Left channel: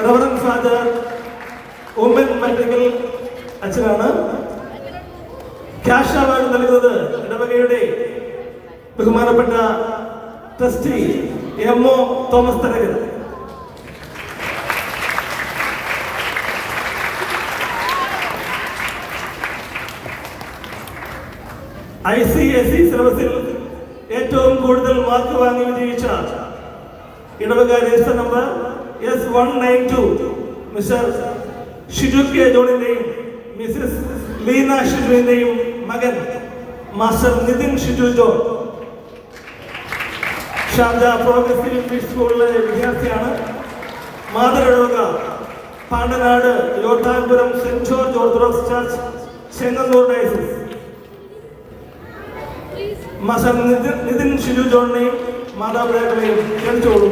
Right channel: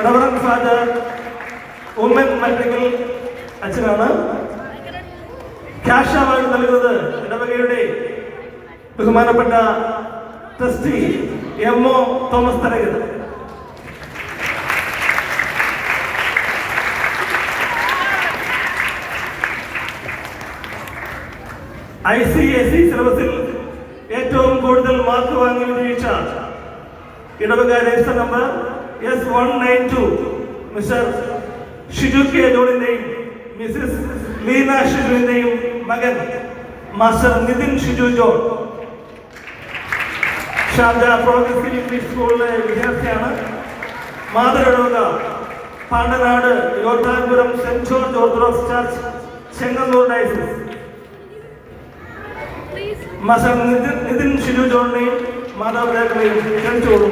Reverend Father Oommen മറ്റക്കൽ അച്ഛനാണ്. Cash award നൽകുന്നത് ഇടവകയുടെ ബഹുമാനപ്പെട്ട trustee M O. Thomas Tharakan. ICSE സിലബസിൽ ഏറ്റവും കൂടുതൽ മാർക്ക് വാങ്ങി വിജയിച്ച ഇടവക register number S192 Mister Shiju K ജോണിന്റെയും മിസസ് ലീന ഷിജുവിന്റെയും മകൻ master Nithin Shiju John Sharjah progressive English സ്കൂളിലെ വിദ്യാർത്ഥിയാണ്. മാതൃഇടവക Pandanad Yottanpuram Saint George Orthodox church Chengannur diocese. Master Nithin Shiju ജോണിനെയും മാതാപിതാക്കളെയും ക്ഷണിച്ചോളൂ.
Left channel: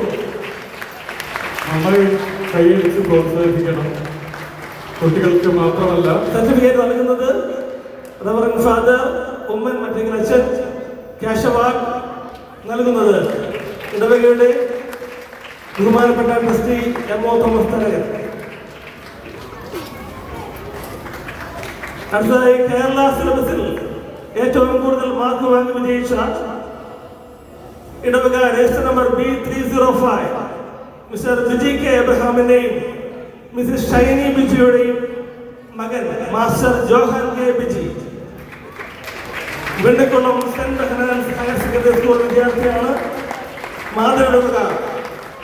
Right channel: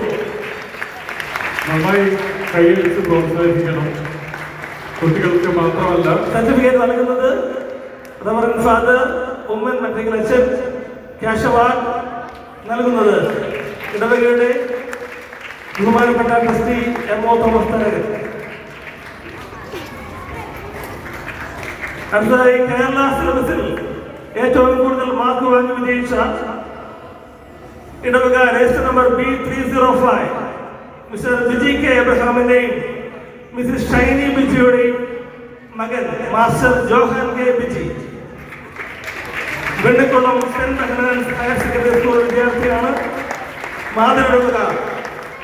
നന്നായി കൈയടിച്ച് പ്രോത്സാഹിപ്പിക്കണം. കുട്ടികൾക്ക് മാത്രമല്ല. സർട്ടിഫിക്കറ്റ് നൽകുന്നത് റവറൻഡ് ഫാദർ ഉമ്മൻ മറ്റക്കൽ അച്ഛൻ. ക്യാഷ് അവാർഡ് നൽകുന്നത് ഇടവകയുടെ ബഹുമാനപ്പെട്ട ട്രസ്റ്റി എം.ഒ. തോമസ് തരകൻ. അടുത്തതായി കേരള സിലബസിൽ ഏറ്റവും കൂടുതൽ മാർക്ക് വാങ്ങി വിജയിച്ച ഇടവക register number B305 Mister Biji K എബ്രഹാമിന്റെയും മിസസ് ഷൈനി ബിജിയുടെയും മകൻ master Johan K Biji. Vennikulam Saint Behnan's higher secondary school വിദ്യാർത്ഥിയാണ്. മാതൃഇടവക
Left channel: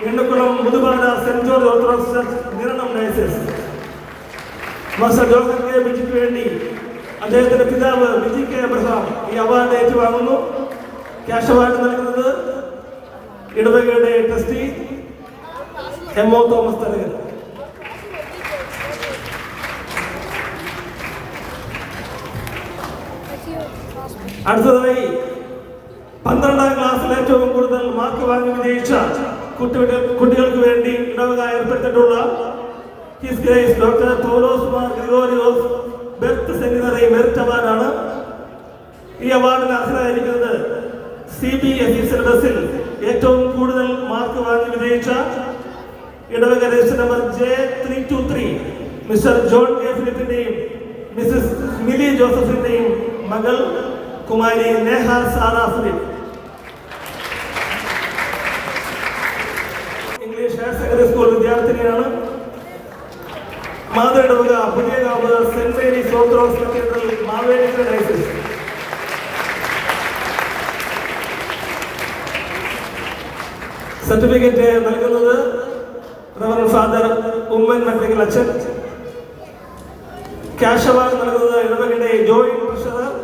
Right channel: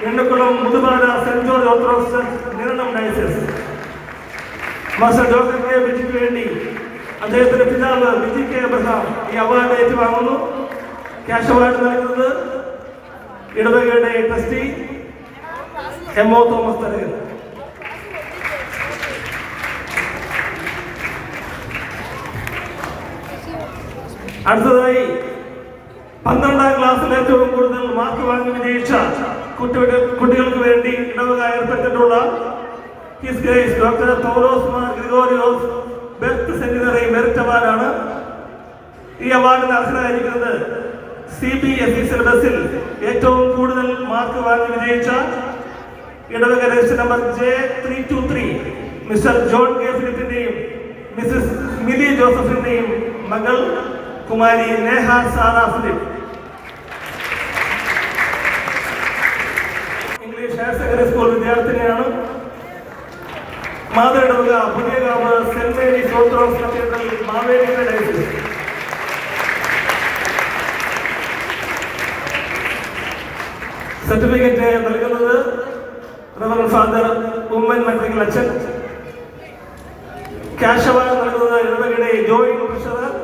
Vennikulam Muthupada Saint George Orthodox church Niranam diocese. Master Johan K ബിജിക്ക് വേണ്ടി അദ്ദേഹത്തിന്റെ പിതാവ് ബിജി കെ എബ്രഹാം ഈ അവാർഡ് ഏറ്റുവാങ്ങുന്നു. ക്യാഷ് അവാർഡ് നൽകുന്നത് ഇടവകയുടെ ട്രസ്റ്റി എം.ഒ. തോമസ് തരകൻ. അടുത്തതായി 12ാം ക്ലാസ്സിൽ ഏറ്റവും കൂടുതൽ മാർക്ക് വാങ്ങി വിജയിച്ച കുട്ടികൾക്ക് വേണ്ടി ഇടവക ഏർപ്പെടുത്തിയിട്ടുള്ള His Grace doctor Paulos Mar Gregorios best seminary merit അവാർഡാണ്. ഈ അവാർഡിന് അർഹരായിരിക്കുന്നത് CBSE സിലബസിൽ ഏറ്റവും കൂടുതൽ മാർക്ക് വാങ്ങി വിജയിച്ച ഇടവക register number J323 Mister John K ഫിലിപ്പിന്റെയും മിസസ് മിലി ജോസഫിന്റെയും മകൾ കുമാരി Neha Sara Philip. English higher secondary school വിദ്യാർത്ഥിനിയാണ്. മാതൃഇടവക Puthiyakavu Saint Mary's Orthodox cathedral Mavelikara diocese. Certificate നൽകുന്നത് റവറൻഡ് ഫാദർ ഉമ്മൻ മറ്റക്കൽ അച്ഛൻ. ക്യാഷ് അവാർഡ് നൽകുന്നത് ഇടവകയുടെ joint treasurer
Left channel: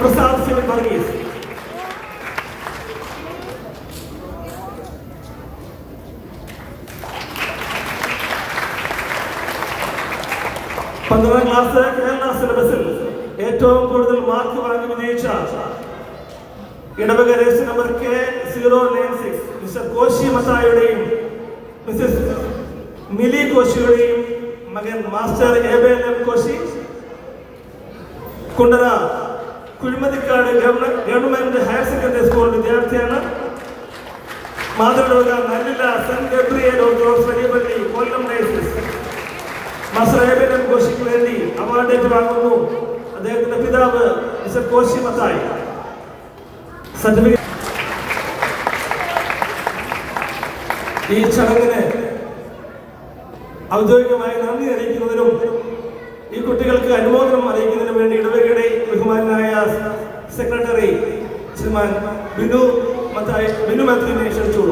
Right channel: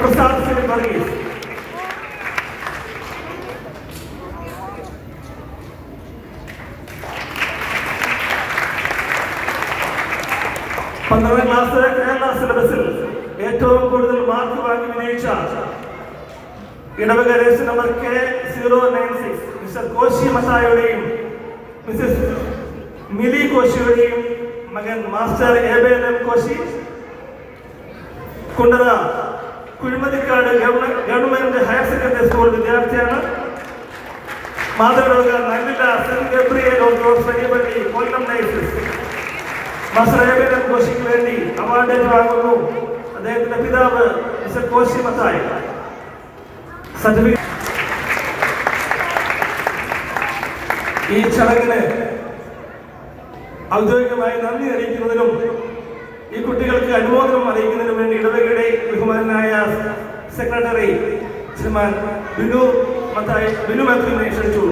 Prasad Philip Varghese. പന്ത്രണ്ടാം ക്ലാസ് കേരള സിലബസിൽ ഏറ്റവും കൂടുതൽ മാർക്ക് വാങ്ങി വിജയിച്ച ഇടവക register number K096 Mister Koshy മത്തായുടെയും മിസസ് മിലി കോശിയുടെയും മകൻ master Ebelam Koshy. Kundara Kuzhimathikkad government higher secondary school വിദ്യാർത്ഥിയാണ്. മാതൃഇടവക നല്ലില്ല സെന്റ് ഗബ്രിയേൽ ഓർത്തഡോക്സ് വലിയപള്ളി കൊല്ലം ഡയസിസ്. മാസ്റ്റർ എബേലം കോശിക്ക് വേണ്ടി അവാർഡ് ഏറ്റുവാങ്ങുന്നു അദ്ദേഹത്തിന്റെ പിതാവ് മിസ്റ്റർ കോശി മത്തായി. സർട്ടിഫിക്കറ്റ് ഈ ചടങ്ങിന് ഔദ്യോഗികമായി നന്ദി അറിയിക്കുന്നതിനും ഈ കുട്ടികൾക്ക് അനുമോദനം അറിയിക്കുന്നതിനും വേണ്ടി ഇടവകയുടെ ബഹുമാനായ സെക്രട്ടറി ശ്രീമാൻ ബിനു മാത്യുവിനെ ക്ഷണിച്ചു.